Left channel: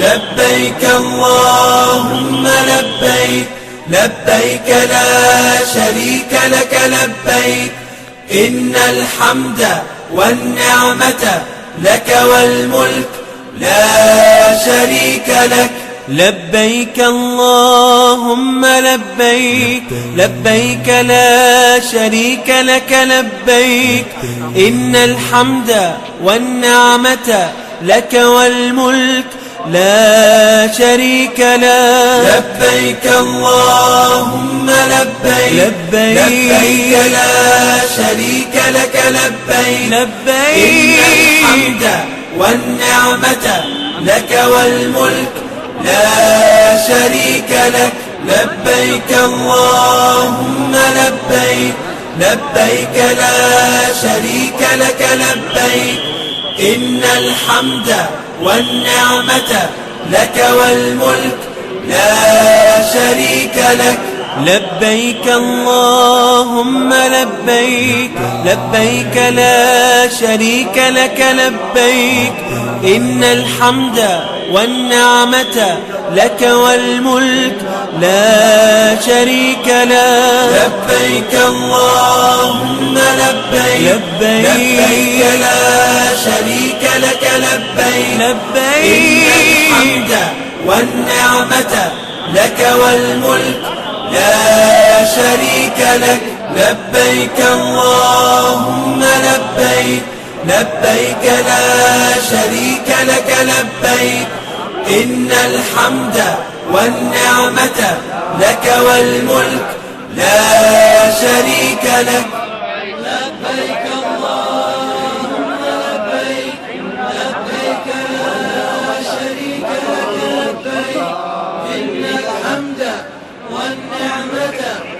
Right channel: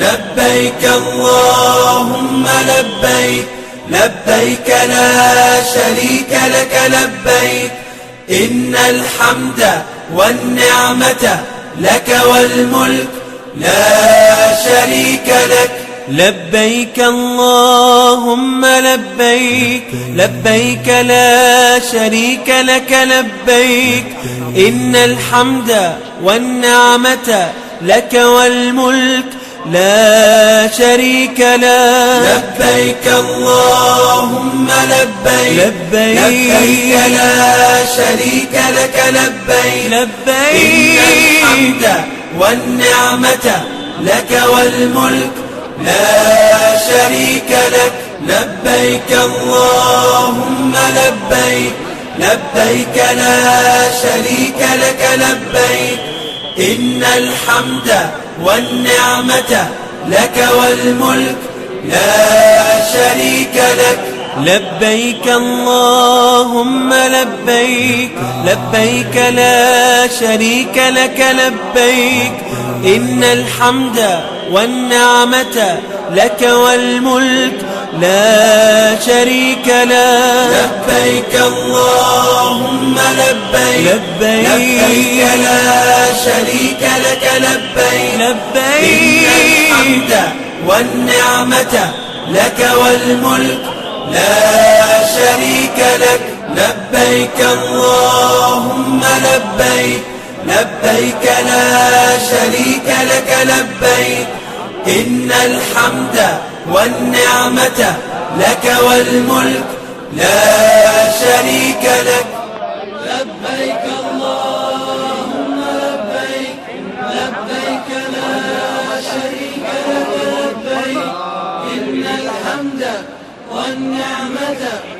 لبيك اللهم لبيك، لبيك لا شريك لك لبيك، إن الحمد والنعمة لك والملك لا شريك لك. لبيك اللهم لبيك، لبيك لا شريك لك لبيك، إن الحمد والنعمة لك والملك لا شريك لك. لبيك اللهم لبيك، لبيك لا شريك لك لبيك، لبيك إن الحمد والنعمة لك والملك لا شريك لك. لبيك اللهم لبيك، لبيك لا شريك لك لبيك، إن الحمد والنعمة لك والملك لا شريك لك. لبيك اللهم لبيك، لبيك لا شريك لك لبيك، إن الحمد والنعمة لك والملك لا شريك لك. لبيك اللهم لبيك، لبيك لا شريك لك لبيك، لبيك والنعمة لك والملك لا شريك لك. لبيك اللهم لبيك، لبيك لا شريك لك لبيك، إن الحمد والنعمة لك والملك لا شريك لك. لبيك اللهم لبيك، لبيك لا شريك لك لبيك، إن الحمد والنعمة